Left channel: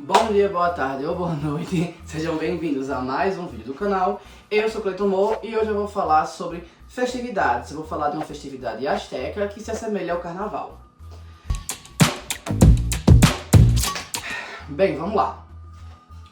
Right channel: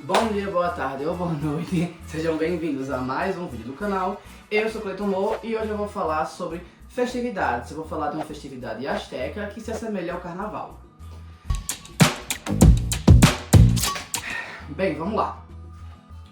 Bom dia, boa tarde ou boa noite, sejam bem-vindos a mais um vídeo do canal. Eu sou Cleiton Mo e hoje eu vou falar sobre festividades. Eu vou falar de uma festividade asteca que se assemelha ao carnaval. Bem, vamos lá.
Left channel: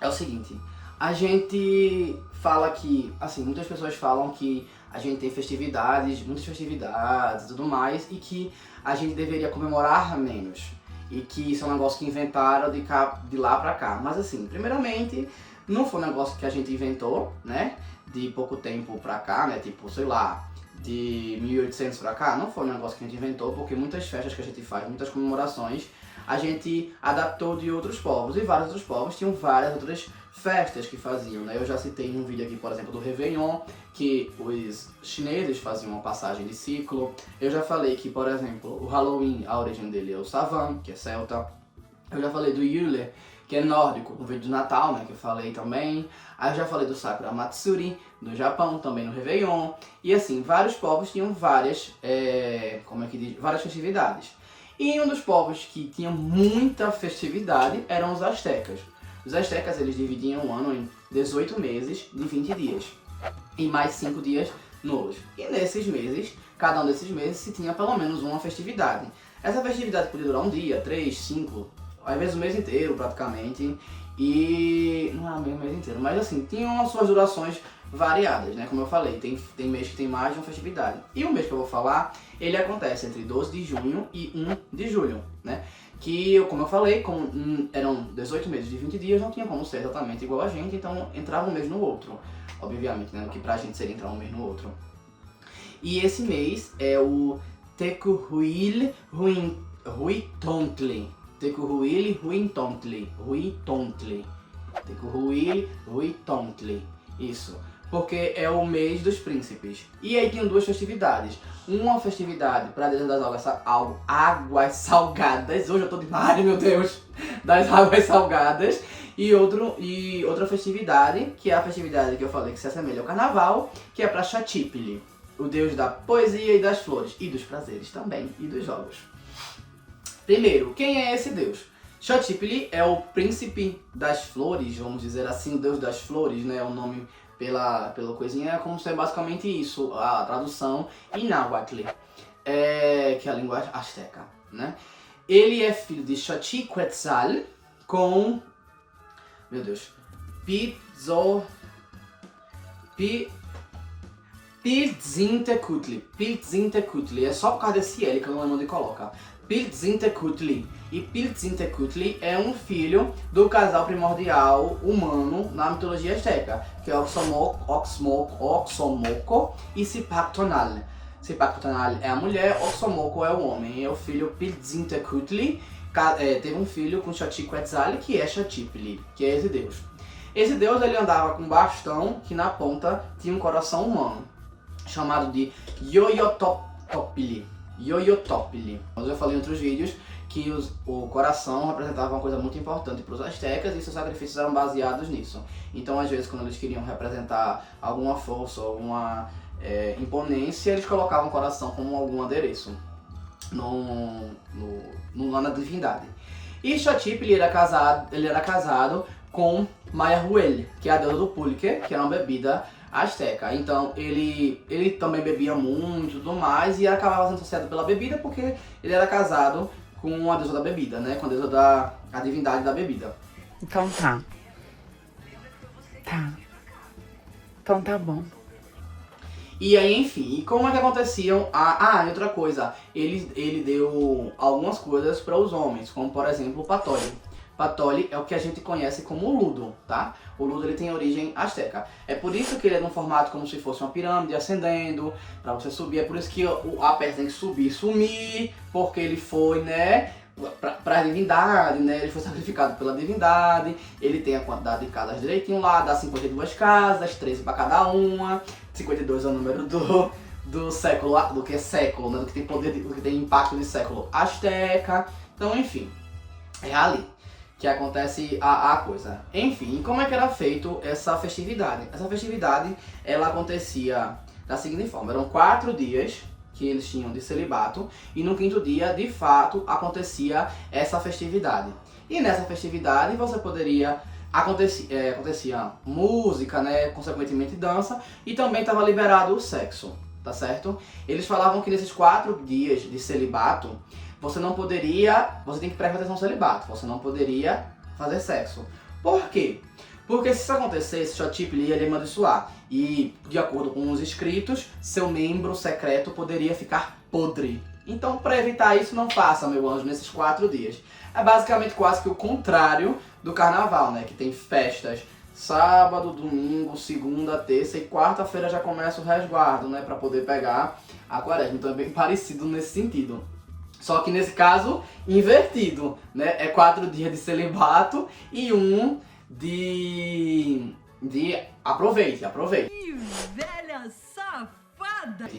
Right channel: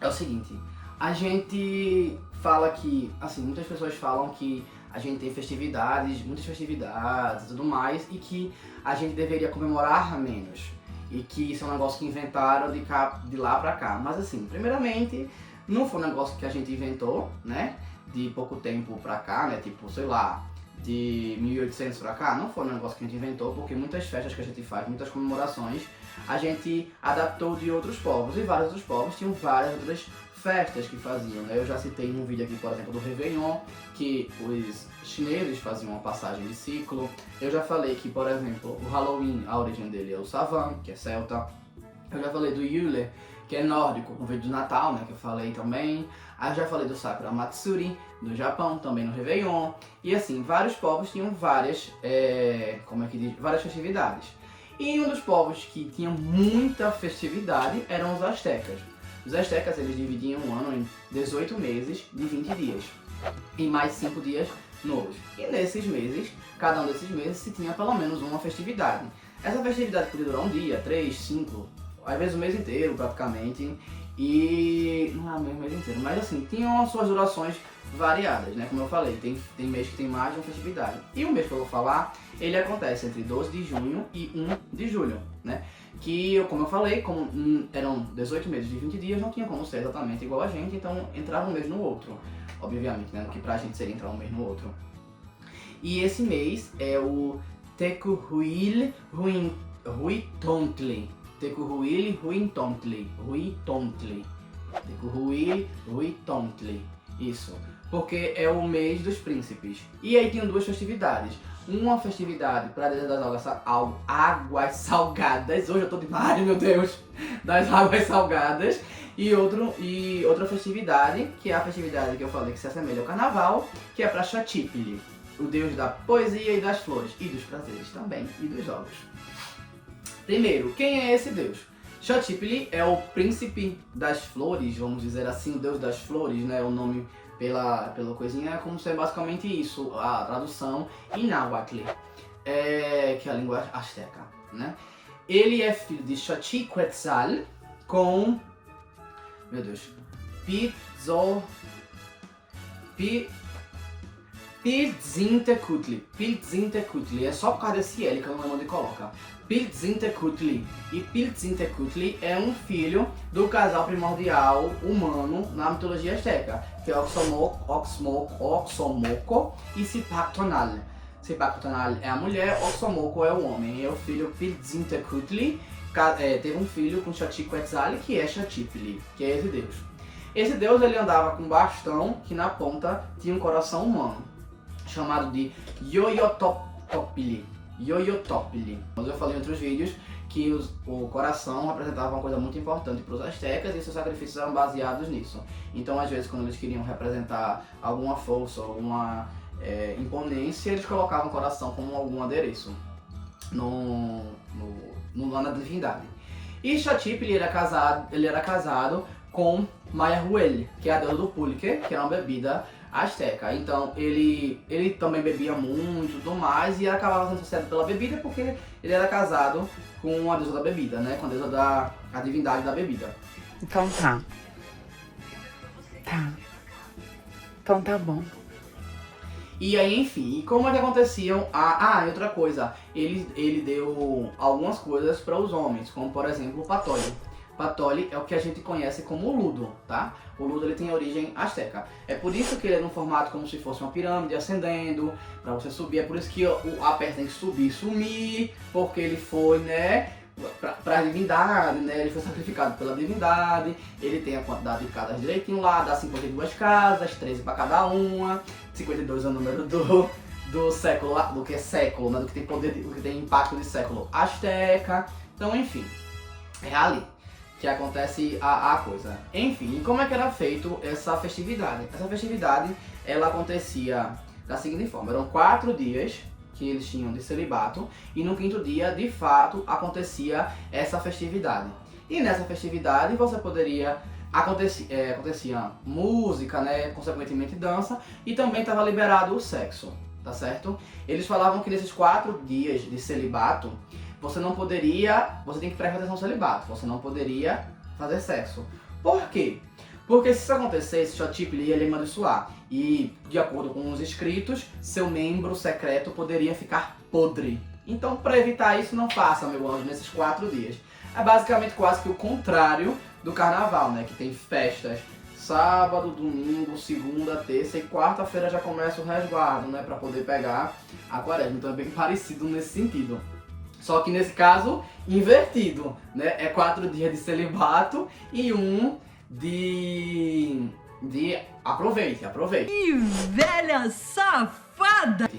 É o seguinte, a gente fala que, assim, muitas pessoas falam que a gente tem festividades, muitas festividades e tudo mais, e que a gente deveria comemorar menos. E que isso é um negócio que inventaram de lá pra cá. Mas assim, primeiramente, não foi um negócio que a gente inventou, né? De pouco tempo pra cá, né? Tipo, sei lá, de 1800 pra cá. Não foi um negócio que a gente inventou, porque muitas festas que a gente faz, muitas comemorações, a gente adaptou de outros povos. E vários outros povos tinham várias outras festas que faziam, né? Eu já citei num vídeo aqui, por exemplo, do Réveillon, que os chineses faziam uma passagem de ciclo. Eu já falei que, por exemplo, o Halloween, a origem dele é o Savan, que é celta. Eu já falei do Yule, que é nórdico, no vídeo do Natal, né, que eu falei também. Aí eu já falei do Sakura Matsuri, do Japão, também no Réveillon. E assim, vários povos tinham várias, várias festividades. E um dos povos que tinha muita festividade eram os astecas. Os astecas, eles dividiam o ano em 18 meses de 20 dias e mais 5 dias novos. E nesses meses, cada um desses meses, se tinha pelo menos uma festividade. Essa festividade podia durar um dia, 3, 5, às vezes o mês inteiro praticamente. E não é mesmo o mês inteiro, mas assim, tinham as suas durações variadas, né? Como eu falei, tem mês que tem mais de uma festividade. E o mês que eu vou falar, ele acontece entre 12 de junho e 1 de julho, né? Que, como eu falei, como eram 18 meses de 20 dias, não tinha como ser exatamente igual a gente, então entrava um mês no outro, obviamente, né? No que pra gente seria entrar um mês no outro. E esse mês é o Tekuhuil Huitontli. Tekuhuil Huitontli. Tekuhuil Huitontli. Isso. Porque é o mês dos príncipes. E aí tinham duas festividades. Uma festividade para a deusa das águas salgadas. Hoje eu tô demais, meu Deus! Das águas salgadas. E outra festividade, que é a festividade que eu falei que se assemelha ao carnaval, que é para Xatipili, o deus da poesia e das flores. E dos prazeres também, e dos jogos. Primeiro, quem é esse deus? Xatipili é o príncipe das flores, vamos dizer assim, o deus das flores, né? O nome pela coisinha é como ser basicamente isso, a tradução em náhuatl, que é a língua asteca, né? Ele é filho de Xochiquetzal com, meu Deus, Piltzintecutli. Piltzintecutli, é só por causa desse L que eu não lembro onde coloca. Piltzintecutli. E Piltzintecutli é um filho do casal primordial humano na mitologia asteca, que é Oxomoco e Sipactonal. Sipactonal é a mulher, Oxomoco é o homem. E o filho Piltzintecutli teve um filho com Xochiquetzal, que é Xatipili, que é esse deus. Esse deus, ele andava com um bastão que na ponta tinha um coração humano, chamado de Yoyotopili. Mas eu falei em outros vídeos que o coração representava uma coisa muito importante para os astecas e seus sacrifícios eram baseados nisso. Então, às vezes, quando eles queriam representar alguma força ou uma imponência, eles colocavam o coração como algum adereço na divindade. E Xatipili ele era casado com Mayahuel, que é a deusa do pulque, que era uma bebida asteca. Então ele também bebia muito e tudo mais, e acabava sendo associado pela bebida porque ele era casado com a deusa da bebida, né? Com a deusa a divindade da bebida. Então tá. Então tá bom. E aí, enfim, e como é que aconteciam? E outra coisa, ele deu algumas coisas para os homens, como por exemplo o patólio. Patoli é o que a gente conhece como ludo, tá? O ludo, ele tem origem asteca. É por isso que ele é num formato como se fosse uma pirâmide ascendendo, para você subir. É por isso que a peça tem que subir e sumir, porque ele foi, né, para a divindade, né? Ele foi sacrificado pela divindade. Ele tem a quantidade de casas direitinho lá, dá 52 casas, 13 para cada uma. 52 é o número do século, do que é século, né? Do que tem poder, do que tem impacto de século asteca. Então, enfim, é ali que acontece a coisa. Enfim, como é que era feito essa festividade? Essa festividade, ela acontecia da seguinte forma: eram 4 dias que eles tinham de celibato, e no 5º dia, de fato, acontecia essa festividade. E nessa festividade você poderia acontecia música, né, consequentemente dança, e também estava liberado o sexo, tá certo? Eles falavam que nesses 4 dias de celibato, você tem que prestar atenção no celibato, você não poderia fazer sexo. Por quê? Porque se isso acontecesse, Xotip ia lhe amaldiçoar. E, de acordo com os escritos, seu membro secreto poderia ficar podre. Então, para evitar isso, não faça, meu anjo, nesses 4 dias. É basicamente quase que o contrário do carnaval, né? Que tem festas sábado, domingo, segunda, terça e quarta-feira já começa o resguardo, né? Para poder pegar a quaresma. Então é bem parecido nesse sentido. Só que nesse caso, invertido, né? É 4 dias de celibato e 1 de aproveite. Que velha safada!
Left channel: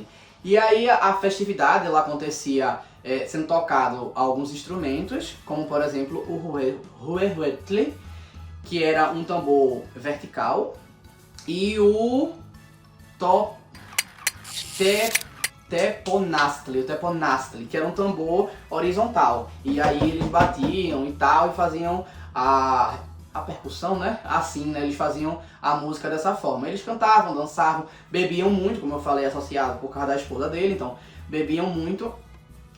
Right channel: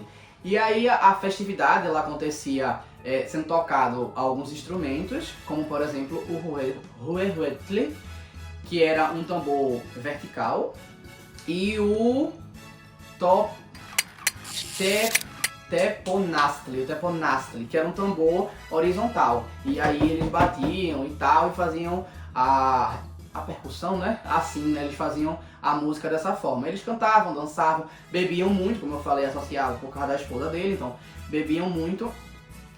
E aí a festividade ela acontecia sendo tocado alguns instrumentos, como por exemplo o huehuetl, que era um tambor vertical, e o teponastli, que era um tambor horizontal. E aí eles batiam e tal, e faziam a percussão, né? Assim, né? Eles faziam a música dessa forma. Eles cantavam, dançavam, bebiam muito, como eu falei, associado por causa da esposa dele, então bebiam muito,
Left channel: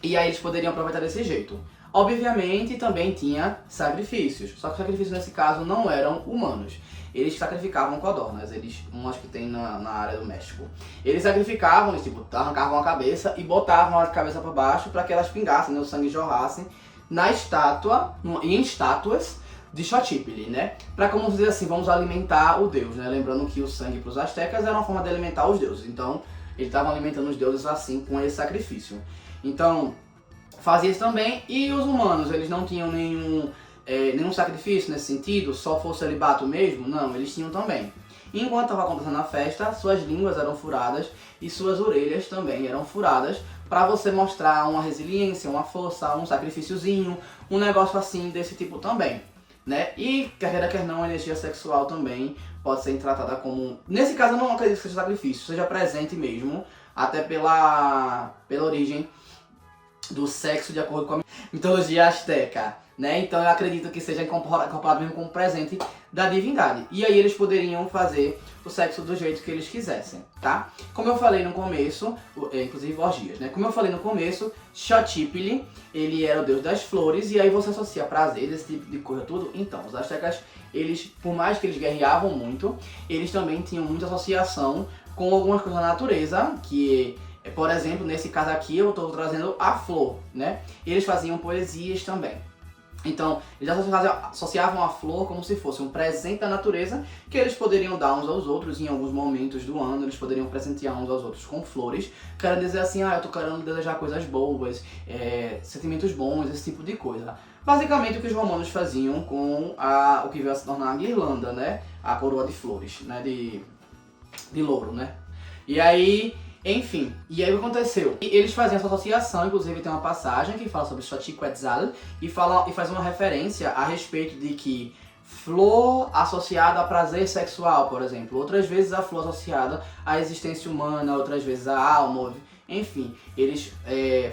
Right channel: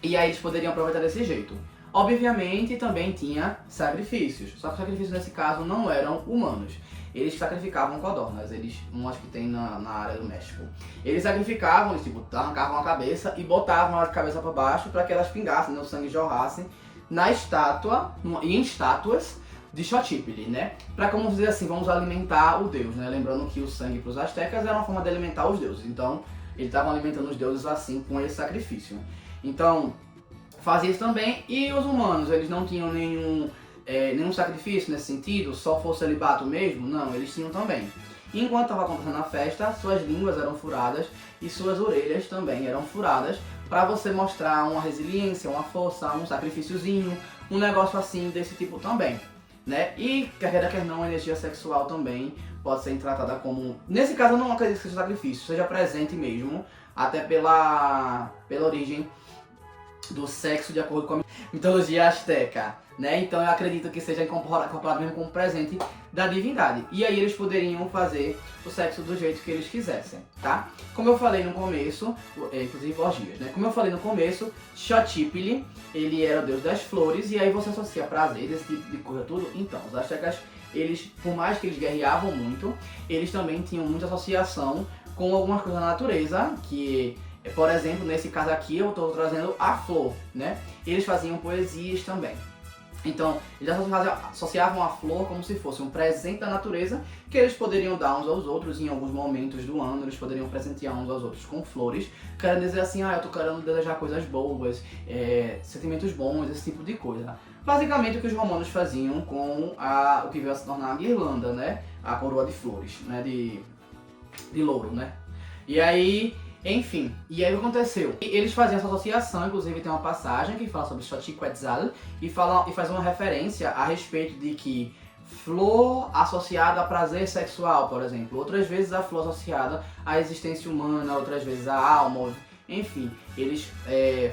e aí eles poderiam aproveitar desse jeito. Obviamente também tinha sacrifícios, só que os sacrifícios nesse caso não eram humanos. Eles sacrificavam codornas, acho que tem na área do México. Eles sacrificavam, eles tipo, arrancavam a cabeça e botavam a cabeça para baixo para que elas pingassem, né, o sangue jorrasse na estátua, em estátuas de Xochipilli, né? Para, como dizer assim, vamos alimentar o deus, né? Lembrando que o sangue para os astecas era uma forma de alimentar os deuses, então eles estavam alimentando os deuses assim com esse sacrifício. Então fazia isso também, e os humanos, eles não tinham nenhum sacrifício nesse sentido, só fosse celibato mesmo? Não, eles tinham também. Enquanto estava acontecendo a festa, suas línguas eram furadas e suas orelhas também eram furadas, para você mostrar uma resiliência, uma força, um sacrifíciozinho, um negócio assim desse tipo também, né? E quer não, a energia sexual também pode ser tratada como... Nesse caso eu não acredito que seja sacrifício, seja presente mesmo, até pela origem do sexo de acordo com a mitologia asteca, né? Então eu acredito que seja incorporado mesmo como presente da divindade. E aí eles poderiam fazer o sexo do jeito que eles quisessem, tá? Como eu falei no começo, inclusive orgias, né? Como eu falei no começo, Xochipilli, ele era o deus das flores, e aí você associa prazer, esse tipo de coisa tudo. Então, os astecas, eles, por mais que eles guerreavam muito, eles também tinham muita associação com algumas coisas da natureza, que... Por exemplo, nesse caso aqui eu estou trazendo a flor, né? Eles faziam poesias também. Então, eles associavam a flor como se fosse um presente da natureza que eles poderiam dar uns aos outros em alguns momentos do ano. Eles poderiam presentear uns aos outros com flores. Querendo dizer assim, eu tô querendo desejar coisas boas, sentimentos bons, esse tipo de coisa. Basicamente o que os romanos faziam com o que veio a se tornar a guirlanda, né? A coroa de flores, né? De louro, né? E aí... Enfim, e aí o que aconteceu? Eles faziam essa associação, inclusive tem uma passagem que fala sobre Xochiquetzal e faz uma referência a respeito de que flor associada a prazer sexual, por exemplo, outras vezes a flor associada à existência humana, outras vezes à alma, enfim, eles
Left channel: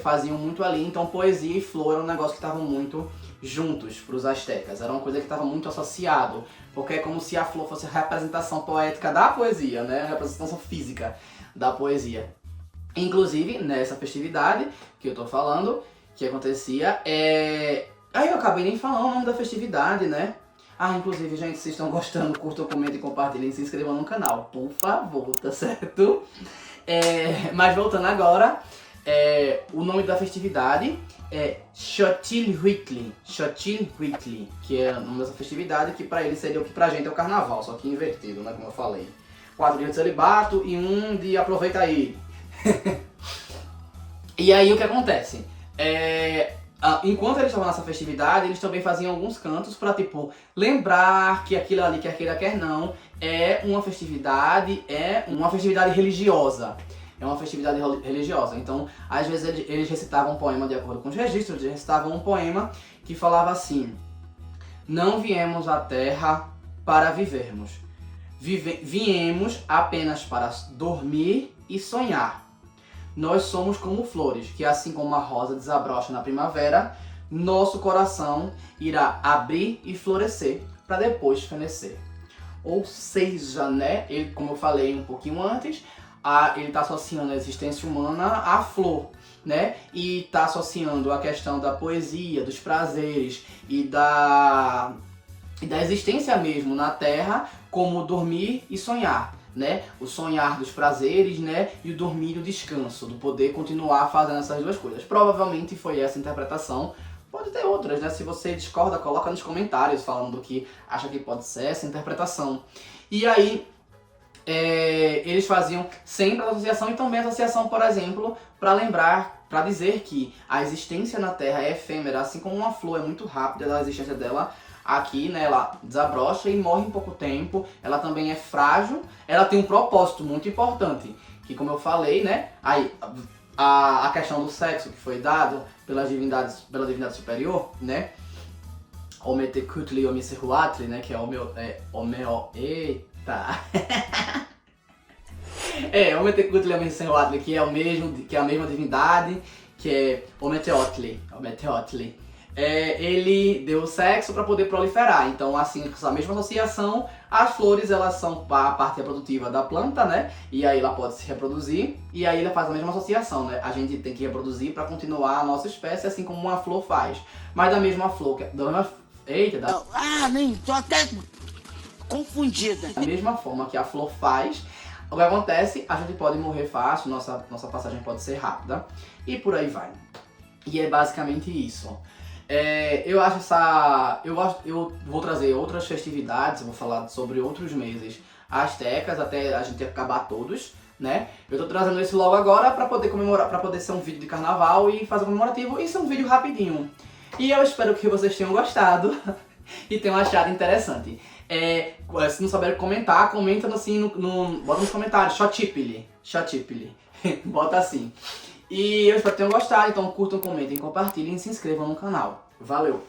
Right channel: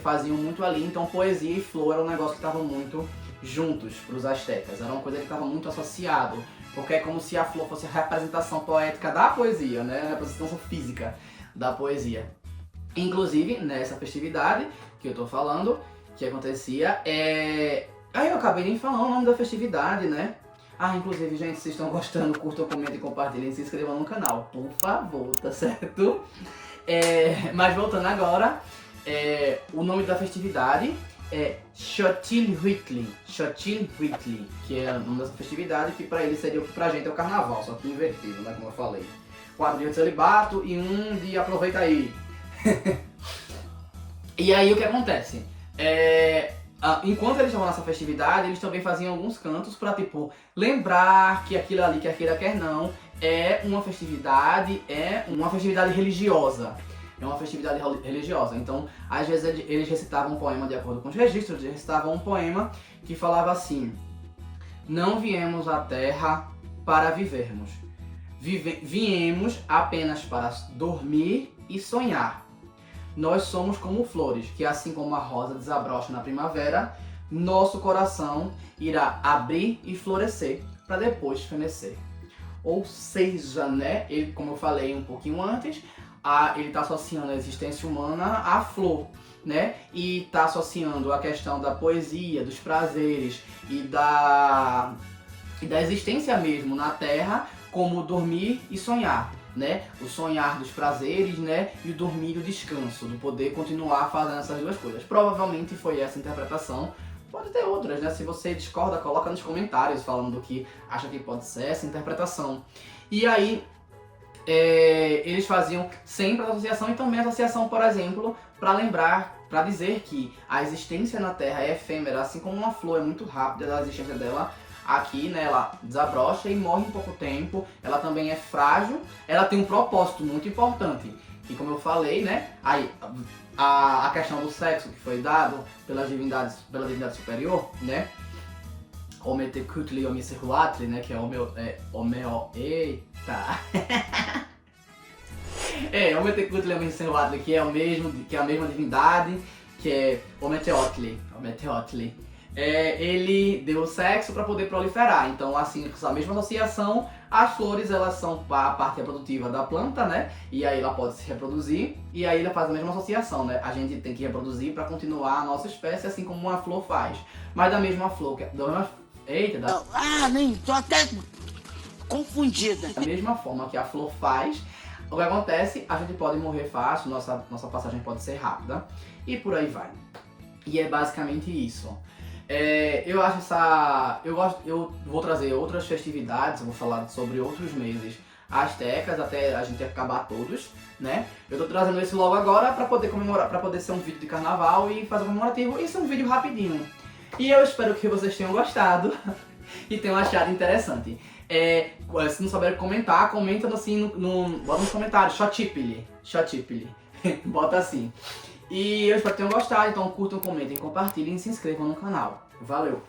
faziam muito ali, então poesia e flor era um negócio que estavam muito juntos para os astecas, era uma coisa que estava muito associado, porque é como se a flor fosse a representação poética da poesia, né, a representação física da poesia. Inclusive, nessa festividade que eu tô falando, que acontecia, Aí eu acabei nem falando o nome da festividade, né? Inclusive, gente, se estão gostando, curtam, comentem, compartilhem, se inscrevam no canal, por favor, tá certo? Mas voltando agora, o nome da festividade é Xochitl, que é o nome dessa festividade, que pra eles seria o que pra gente é o carnaval, só que invertido, né, como eu falei. 4 dias de celibato e 1 de aproveita aí. E aí o que acontece? Enquanto eles estavam nessa festividade, eles também faziam alguns cantos pra, tipo, lembrar que aquilo ali, quer queira, quer não, é uma festividade religiosa. É uma festividade religiosa. Então, às vezes eles recitavam um poema de acordo com os registros, eles recitavam um poema que falava assim: não viemos à terra para vivermos. Viemos apenas para dormir e sonhar. Nós somos como flores, que assim como a rosa desabrocha na primavera, nosso coração irá abrir e florescer para depois fenecer. Ou seja, né, ele, como eu falei um pouquinho antes, ele está associando a existência humana à flor, né? E está associando a questão da poesia, dos prazeres e da existência mesmo na Terra, como dormir e sonhar, né? O sonhar dos prazeres, né? E o dormir e o descanso, do poder continuar fazendo essas duas coisas. Provavelmente foi essa a interpretação. Pode ter outras, né? Se você discorda, coloca nos comentários falando do que acha que pode ser essa interpretação. E aí, eles faziam sempre a associação e também a associação, por exemplo, para lembrar, para dizer que a existência na Terra é efêmera, assim como uma flor é muito rápida a existência dela aqui, né? Ela desabrocha e morre em pouco tempo. Ela também é frágil. Ela tem um propósito muito importante, que, como eu falei, né? Aí a questão do sexo que foi dado pela divindade superior, né? Ometekutli Omisehuatli, né? Que é eita. Ometekutli Omisehuatli, que é a mesma divindade, que é Ometeotli. Ele deu o sexo para poder proliferar. Então, assim, essa mesma associação, as flores, elas são a parte reprodutiva da planta, né? E aí ela pode se reproduzir, e aí ela faz a mesma associação, né? A gente tem que reproduzir para continuar a nossa espécie, assim como uma flor faz. Mas da mesma flor, nem tô até confundida. Da mesma forma que a flor faz, o que acontece, a gente pode morrer fácil, nossa passagem pode ser rápida, e por aí vai. E é basicamente isso. Eu vou trazer outras festividades, eu vou falar sobre outros meses astecas, até a gente acabar todos, né? Eu tô trazendo esse logo agora para poder comemorar, para poder ser um vídeo de carnaval e fazer um comemorativo. Isso é um vídeo rapidinho. E eu espero que vocês tenham gostado e tenham achado interessante. Se não souber comentar, comenta assim, bota nos comentários, Xotipili. Bota assim. E eu espero que tenham gostado, então curtam, comentem, compartilhem e se inscrevam no canal. Valeu!